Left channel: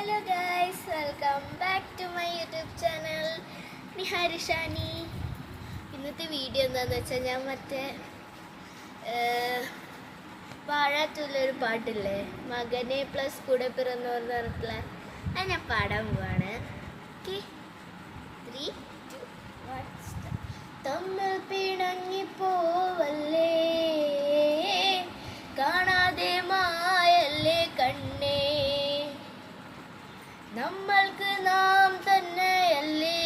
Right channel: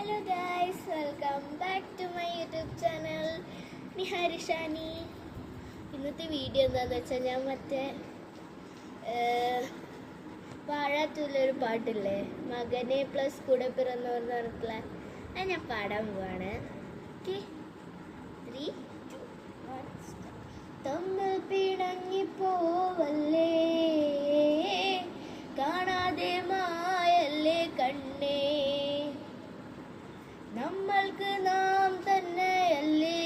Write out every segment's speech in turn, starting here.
Hello guys, welcome back to my YouTube channel Niharishani. ഇന്നത്തെ video എന്താണെന്ന് വെച്ചാൽ ഞാൻ പാഴാത്തുള്ളൊരു പാട്ടില്ലേ, മകനെ പ്ലസ് കൂടെ പിറന്നവർ പറഞ്ഞിട്ടുള്ള അത് ഞാൻ പാടാൻ പോവാണ്. ഓക്കെ, 3, 2, 1 തമ്മിൽ പിണങ്ങിപ്പോവല്ലേ, കാണാതെ മായല്ലേ കണ്ണേ, നമ്മൾക്ക് നാം തന്നെയല്ലേ,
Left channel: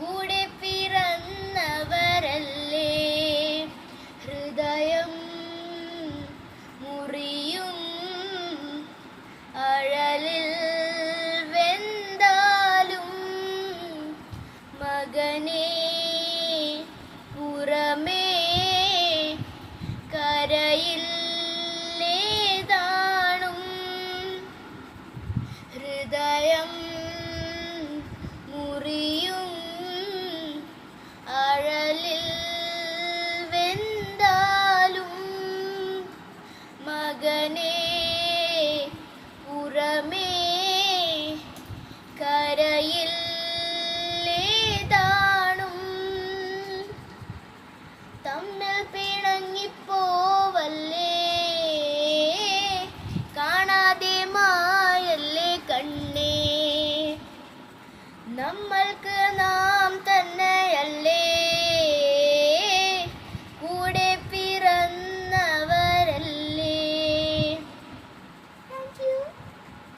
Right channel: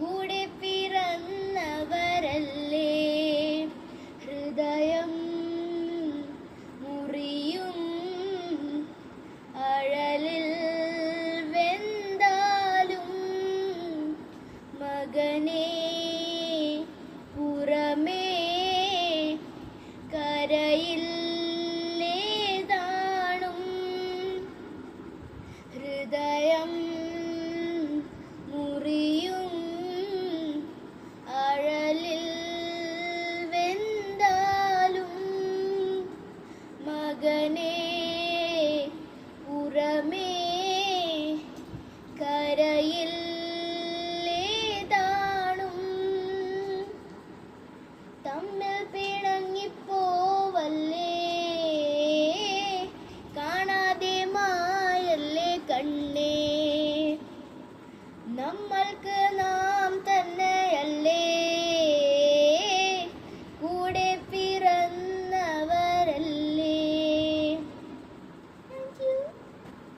കൂടെ പിറന്നവരല്ലേ, ഹൃദയം മുറിയും അഴലിൽ വെന്താലും മകനെ പുറമേ കരയില്ലേതാണും, ഹൃദയം മുറിയും അഴലിൽ വെന്താലും മകനെ പുറമേ കരയില്ലേതാണും, തമ്മിൽ പിണങ്ങിപ്പോവല്ലേ, കാണാതെ മായല്ലേ കണ്ണേ, നമ്മൾക്ക് നാം